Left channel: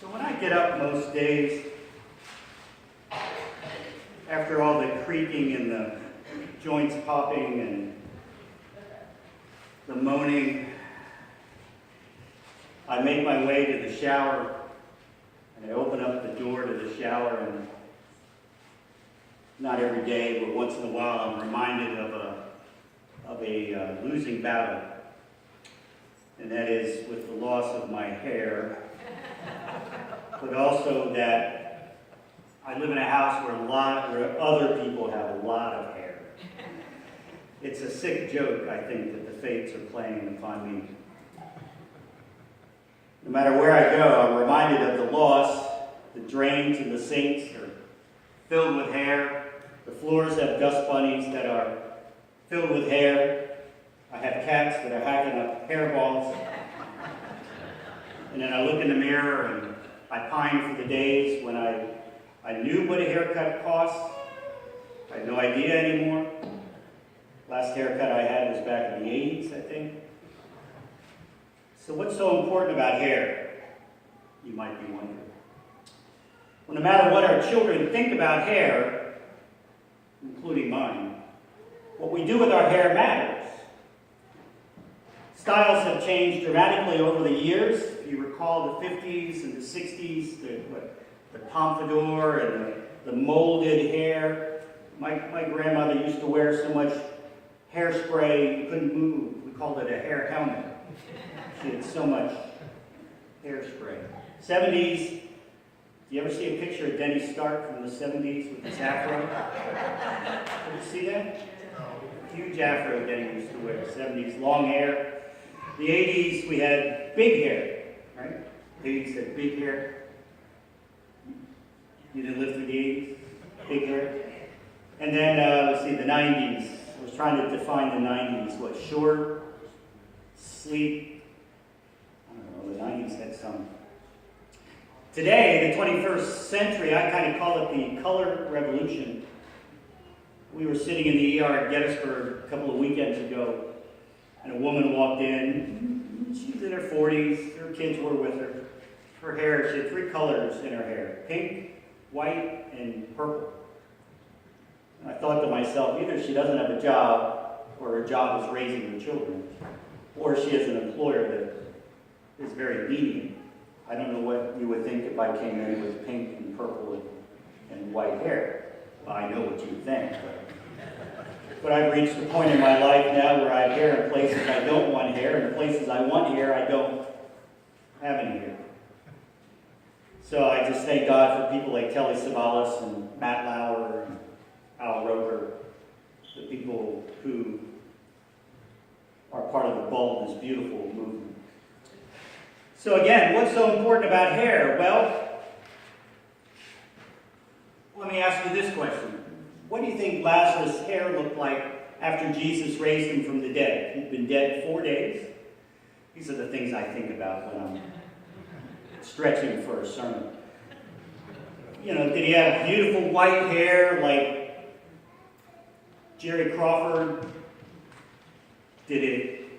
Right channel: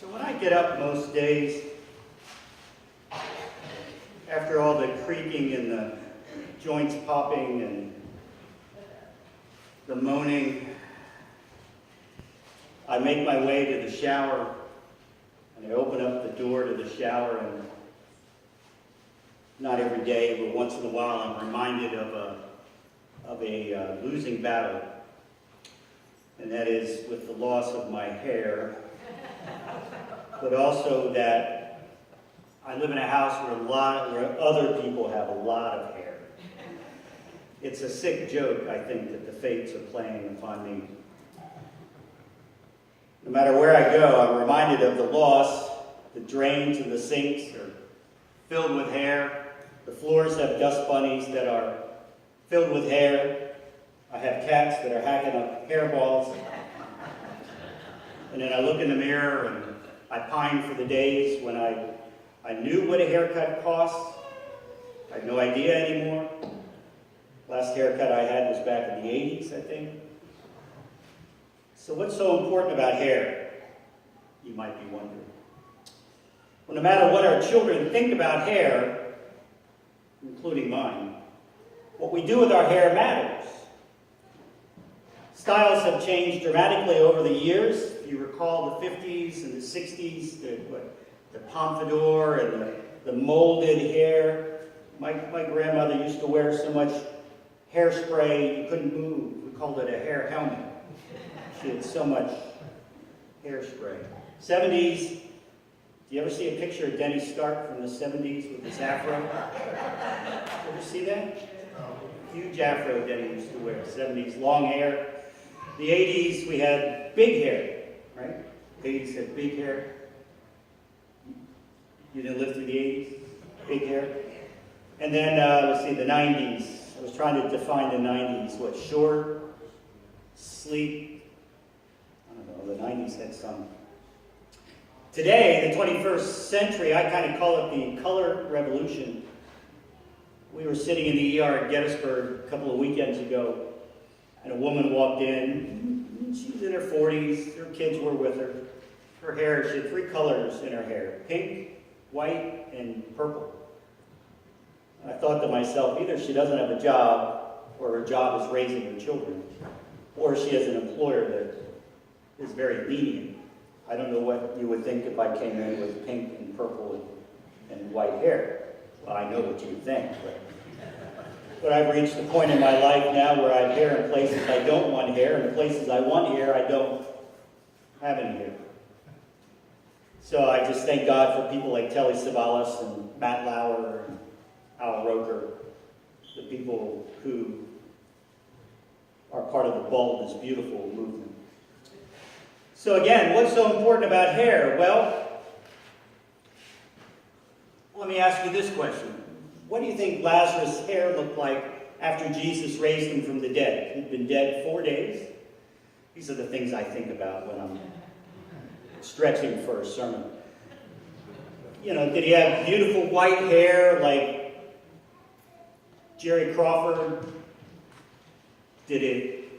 So when I get up most days, after all the creaking and the joints popping and the moaning, I make my way to the shower and I open up the door to the shower, and not every day, but once in a while I'm reminded of a losing battle, and that is with the loss of my hair, but also that I live in a house where other people have a lot of hair. It's a sick joke, I think, that the fates are playing upon me. No matter where I go, I'm reminded of the loss. The drains and the sinks are filled with hair. The floors have dust bunnies that are filled with hair. I have cats that are hacking up hairballs. And then I look in the mirror and I pine for the days when I knew what a haircut cost. I have no idea anymore. Last haircut I had was back in the 80s, I think. So what's so important about hair? You might be wondering. Well, no matter what our children think about hair, including mine, what we do with our hair matters. Styles have changed dramatically over the years. If you recall the 50s and the 60s, the pompadour and the molded hair. My grandmother used to wear so much hairspray you couldn't move. We called it a hair helmet. She had so much hairspray. 70s, do you ever see a picture of Denny Stark from the 70s with his afro? Did you see that? Huge afro Denny used to wear. 70s, long hair. The 80s, we had big hair, right? The 80s had big hair. You didn't live through the 80s? Big hair. And then, let's see, the 90s. I was trying to define the 90s. What, short, sleek? I don't know, the 90s had some. Today, the 21st century, I kind of call it the color revolution. We were sitting in the ER at Gettysburg a couple of weekends ago, and a woman walked in. She's in her 40s. Her kids were with her. Her hair, she had 3 colors in her hair: pink, white, and purple. I thought to myself, either she doesn't have a job, or her job is raising her children, or she has an employer that is very lenient. I don't know what you would think if I came in with pink and purple and white hair. Well, I know what you would think, but I've reached the point in my life now where I have hair in places I don't want hair, and in places I want hair, I don't have any hair. So I just thank God for people like Telly Savalas and Matt Lauer and Al Roker, the people who are part of the Baldness Beautiful movement. So again, what's so important about hair? Well, let me ask you this question. What do you think Lazarus' hair looked like after Jesus raised him from the dead? He'd been dead 4 days. These are the things I think about when I'm stretching for a sermon. You know, did he have beautiful white hair like Jerry Crawford? It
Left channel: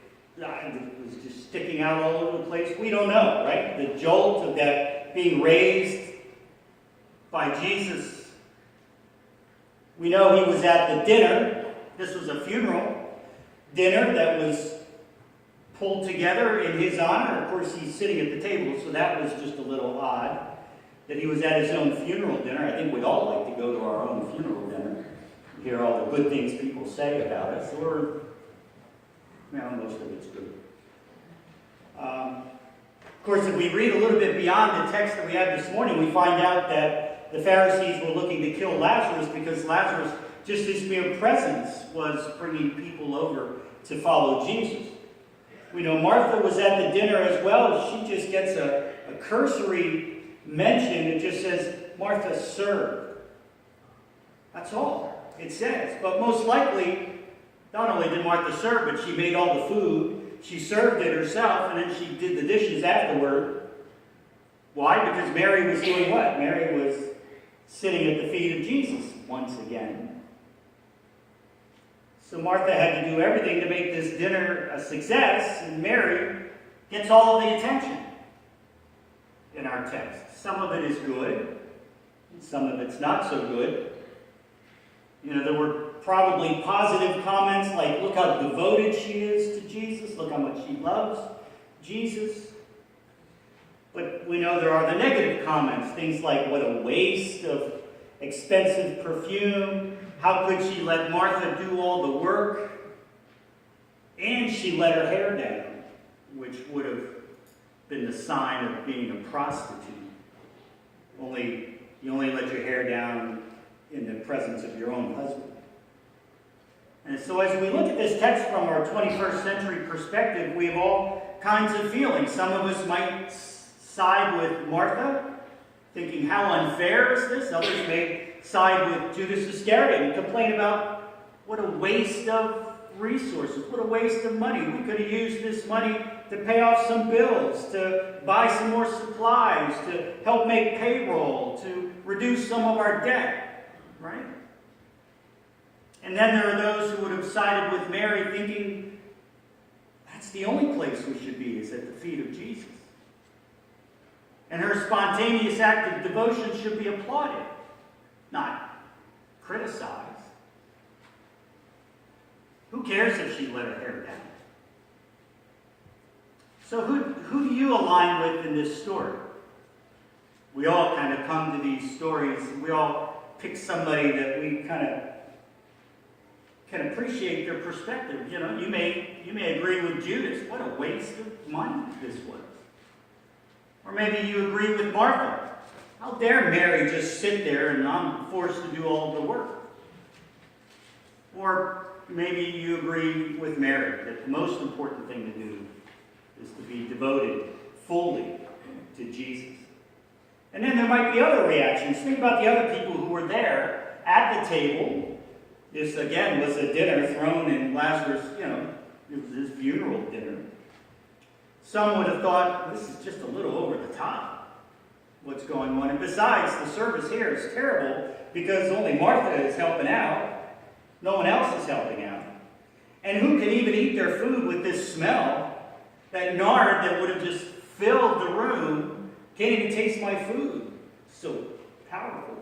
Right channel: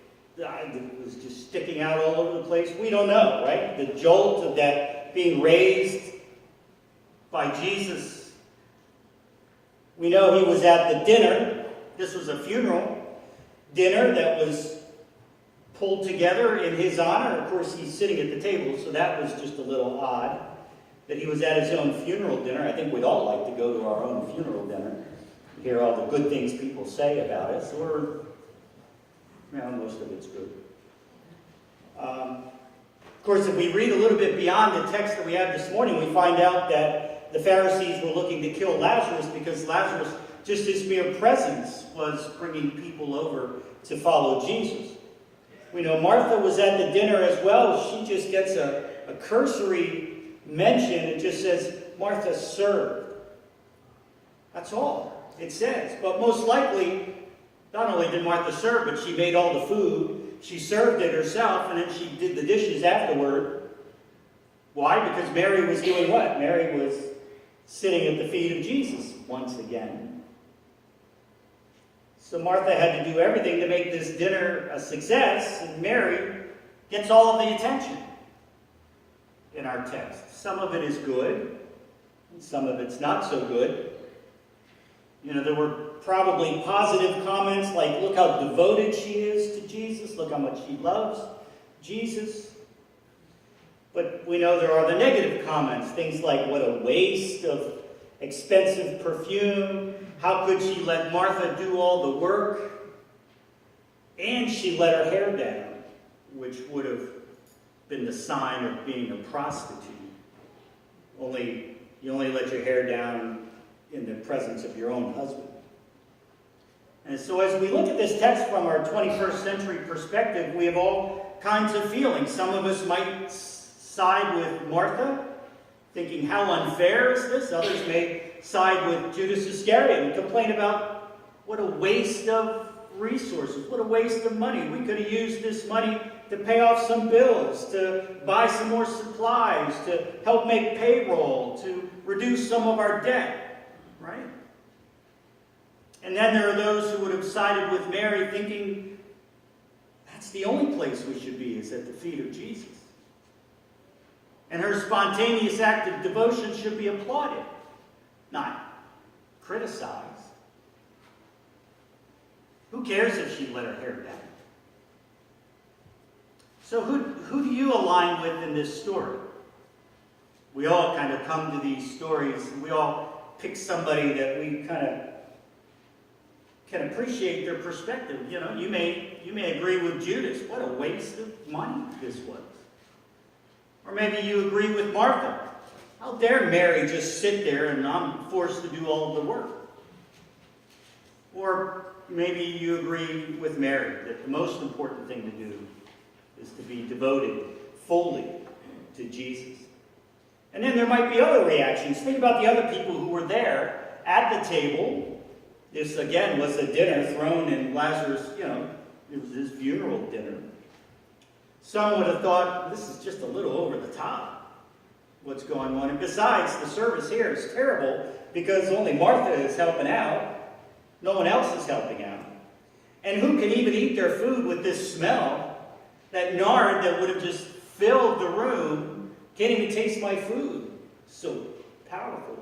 was just sticking out all over the place? We don't know, right? The jolt of that being raised by Jesus. We know he was at the dinner. This was a funeral dinner that was pulled together in his honor. Of course, he's sitting at the table, so that was just a little odd that he was at his own funeral dinner. I think we'd all like to go to our own funeral dinner, hear all the good things people say about us, or most of it's good. Of course, if we read a little bit beyond the text that we have this morning, we find out that the Pharisees were looking to kill Lazarus because Lazarus, just his mere presence, was bringing people over to follow Jesus. We know Martha was at the dinner as well. She just gets a cursory mention. It just says, Martha served. That's all it says. But most likely, not only did Martha serve, but she made all the food. She served it herself, and then she did the dishes afterward. Why? Because Mary was doing what? Mary was sitting at the feet of Jesus once again. So Martha had to do everything to make this dinner a success, and Mary gets all of the attention. our text. Some of it is good, and some of it's not so good. You know, there were probably positive comments like, look how devoted she is to Jesus, look how much she loves Jesus. But we know there are the negative comments, things like, what a waste of expensive perfume, how could she let Martha do all the work, and she let her hair down, which would have been the sign of being a prostitute. You only let your hair down in the presence of your own husband. And so as we look at this text from our 21st century perspective, we have all kinds of feelings. Some of us might side with Martha, thinking, how unfair is this? Others may side with Judas Iscariot and complain about what a waste of resources, what a waste of money. We could have used this money to pay off some bills, to buy some more supplies, to help make payroll, to reduce some of our debt, right? And then there are those who would have sided with Mary, thinking that's the only place we should be, is at the feet of Jesus. And her spontaneous act of devotion should be applauded, not criticized. Who cares if she let her hair down? So who do you align with in this story? We all kind of come to these stories, and we all pick somebody that we kind of can appreciate their perspective. You know, you may agree with Judas. What a waste of money this was. Or maybe you agree with Martha. How dare Mary just sit there and I'm forced to do all the work? Or maybe you agree with Mary that the most important thing to do is to be devoted fully to Jesus. And then there might be other reactions. Think about the other people who were there at the table. This, again, was a dinner thrown in Lazarus, it was his funeral dinner. Some would have thought, this is just a little over the top, what's going on. And besides, the service here is terrible because only Martha is helping out. No one else is helping out. And who can even eat their food with this smell? That nard that would have just filled the room can't even taste my food. So powerful.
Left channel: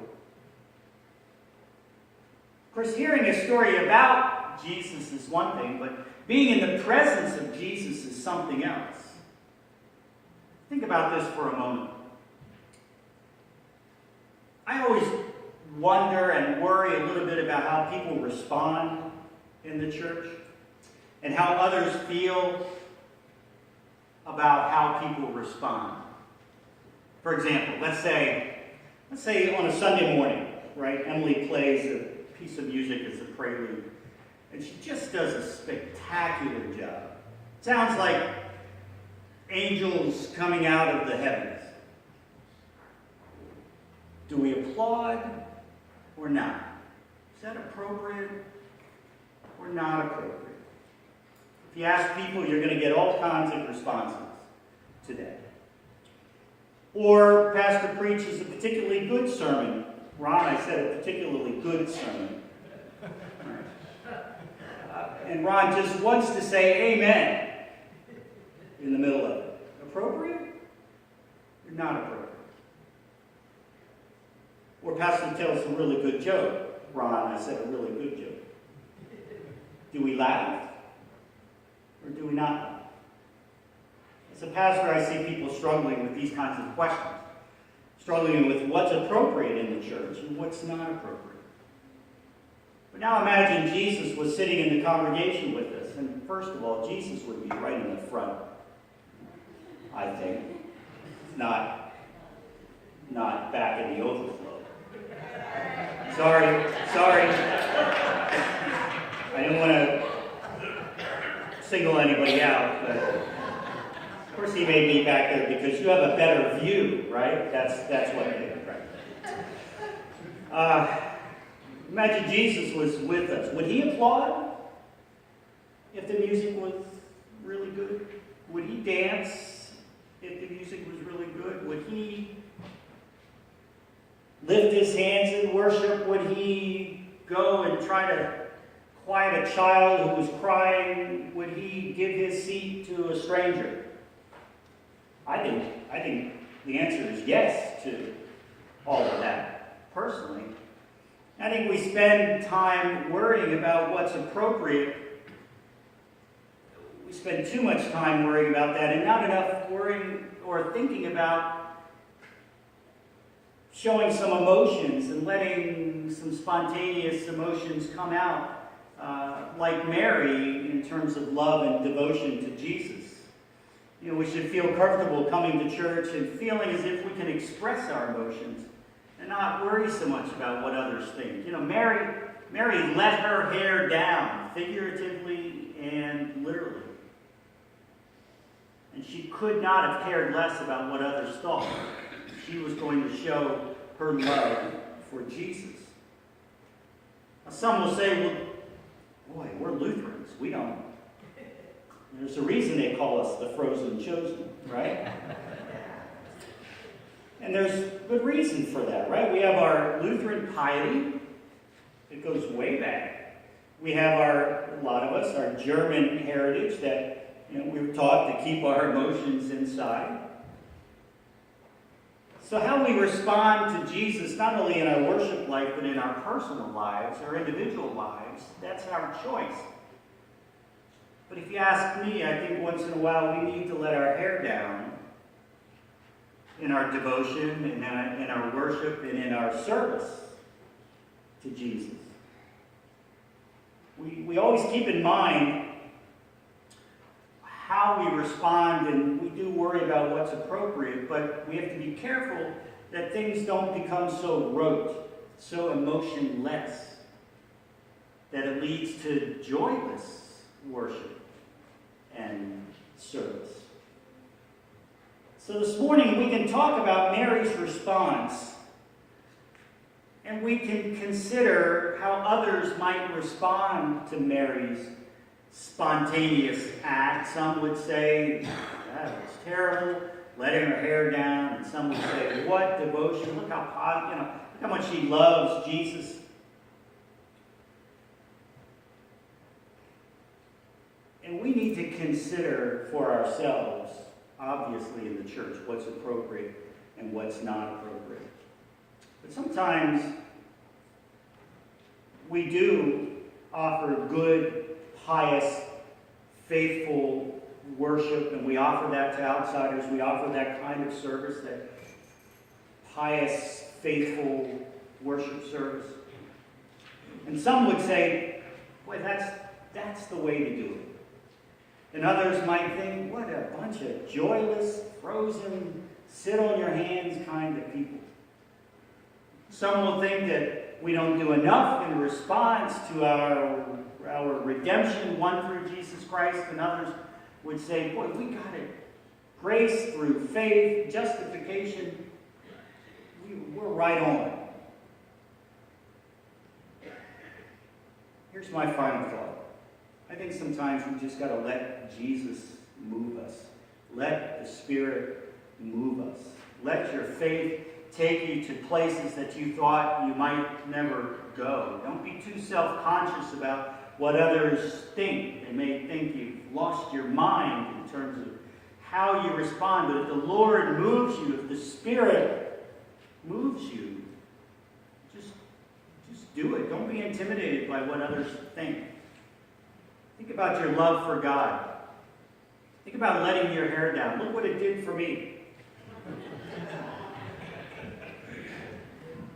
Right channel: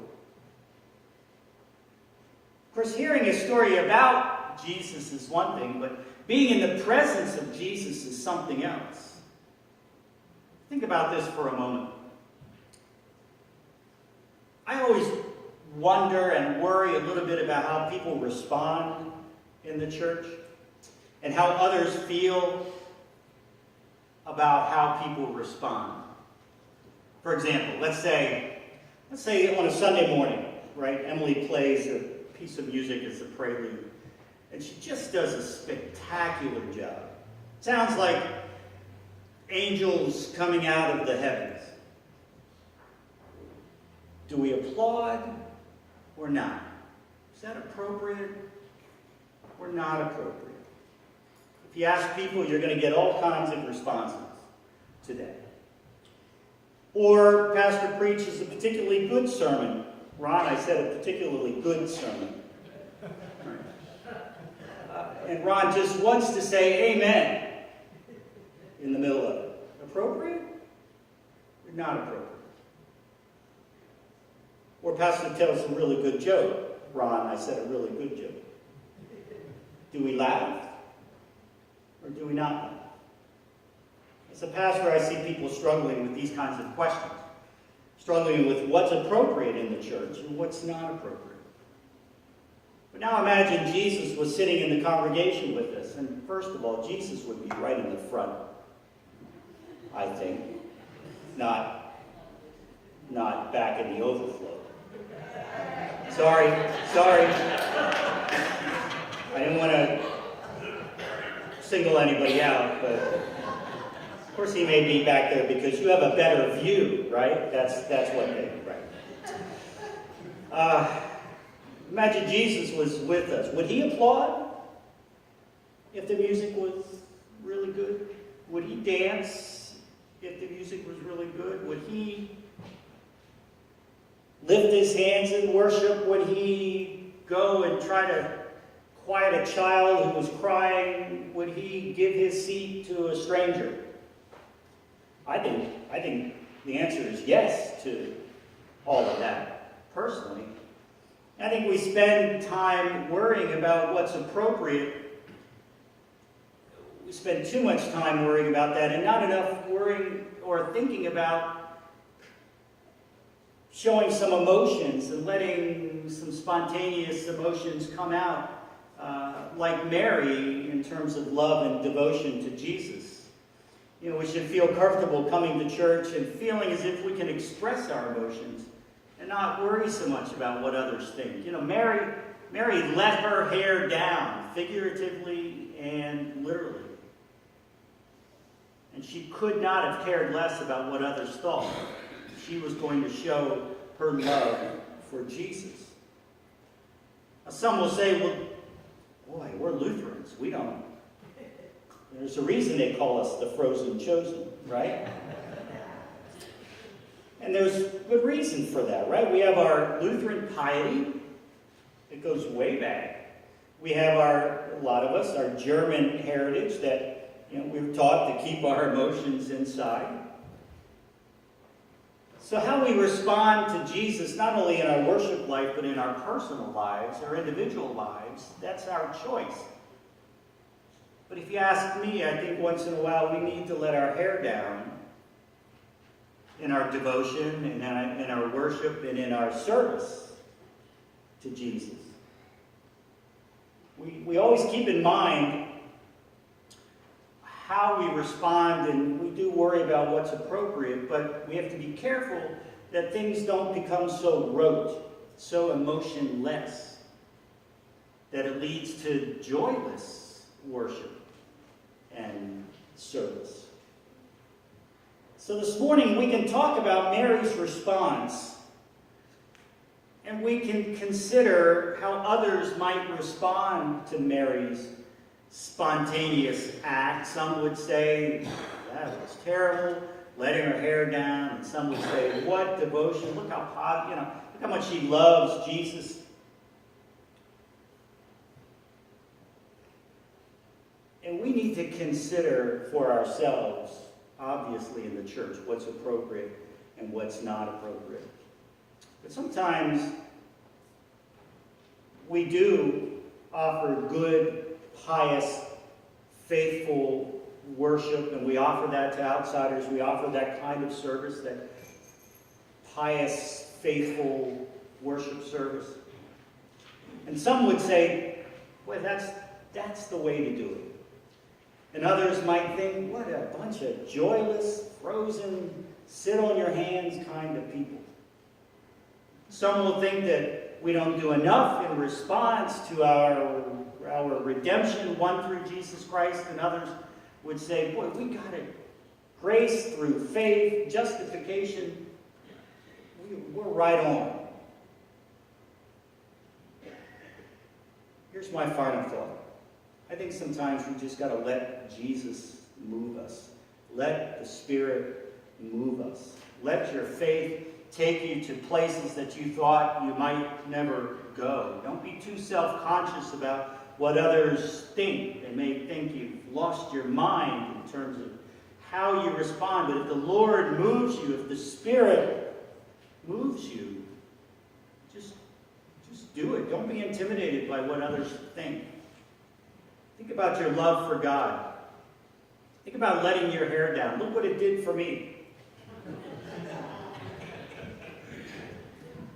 Of course, hearing a story about Jesus is one thing, but being in the presence of Jesus is something else. Think about this for a moment. I always wonder and worry a little bit about how people respond in the church and how others feel about how people respond. For example, let's say on a Sunday morning, right, Emily plays a piece of music as a prelude, and she just does a spectacular job. Sounds like angels coming out of the heavens. Do we applaud or not? Is that appropriate or not appropriate? If you ask people, you're going to get all kinds of responses today. Or pastor preaches a particularly good sermon. Ron, I said a particularly good sermon. And Ron just wants to say amen in the middle of it. Appropriate or not appropriate? Or pastor tells a really good joke. Ron, I said a really good joke. Do we laugh or do we not laugh? As a pastor, I see people struggling with these kinds of questions. Struggling with what's appropriate in the church and what's not appropriate. But now imagine Jesus was sitting in the congregation with us. And first of all, Jesus would be right in the front, I think. Not back in the overflow. Sorry. I didn't want to single anybody out, but of course he may be back there because you have a better view, right? That's what they do, right? Imagine Jesus was with us. Would he applaud if the music was really good? Would he dance if the music was really good? Would he lift his hands in worship? Would he go and try to quiet a child who was crying? Would he give his seat to a stranger? I think the answer is yes to all of that, personally. I think we spend time worrying about what's appropriate. We spend too much time worrying about that and not enough worrying or thinking about showing some emotions and letting some spontaneous emotions come out, like Mary in terms of love and devotion to Jesus. You know, we should feel comfortable coming to church and feeling as if we can express our emotions and not worry so much about what others think. You know, Mary let her hair down, figuratively and literally. And she could not have cared less about what others thought. She was going to show her love for Jesus. Now, some will say, well, boy, we're Lutherans. We don't. There's a reason they call us the frozen chosen, right? And there's good reason for that, right? We have our Lutheran piety. It goes way back. We have a lot of us, our German heritage that, you know, we were taught to keep our emotions inside. So how we respond to Jesus, not only in our worship life, but in our personal lives, our individual lives, that's our choice. But if you ask me, I think once in a while we need to let our hair down in our devotion, in our worship, and in our service to Jesus. We always keep in mind how we respond, and we do worry about what's appropriate, but we have to be careful that things don't become so rote, so emotionless, that it leads to joyless worship and service. So this morning we can talk about Mary's response, and we can consider how others might respond to Mary's spontaneous act. Some would say, that was terrible, letting her hair down. And some would say, what devotion, look how much she loves Jesus. And we need to consider for ourselves, obviously in the church, what's appropriate and what's not appropriate. But sometimes we do offer good, pious, faithful worship, and we offer that to outsiders. We offer that kind of service, that pious, faithful worship service. And some would say, boy, that's the way to do it. And others might think, what a bunch of joyless, frozen, sit on your hands kind of people. Some will think that we don't do enough in response to our redemption won through Jesus Christ, and others would say, boy, we got it. Grace through faith, justification, we're right on. Here's my final thought. I think sometimes we just got to let Jesus move us. Let the Spirit move us. Let your faith take you to places that you thought you might never go. Don't be too self-conscious about what others think. They may think you've lost your mind in terms of how you respond. But if the Lord moves you, if the Spirit moves you, just do it. Don't be intimidated by what others think. Think about your love for God. Think about letting your hair down. Look what it did for me.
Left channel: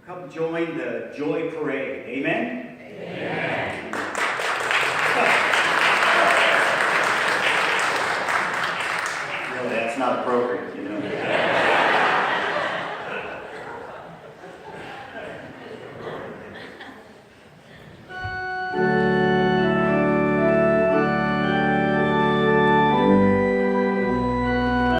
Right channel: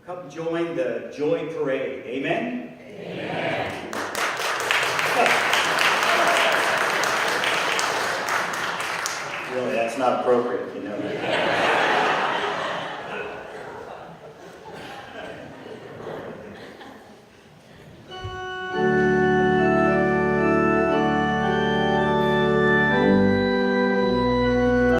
Come join the Joy Parade. Amen? Amen. Really, that's not appropriate, you know.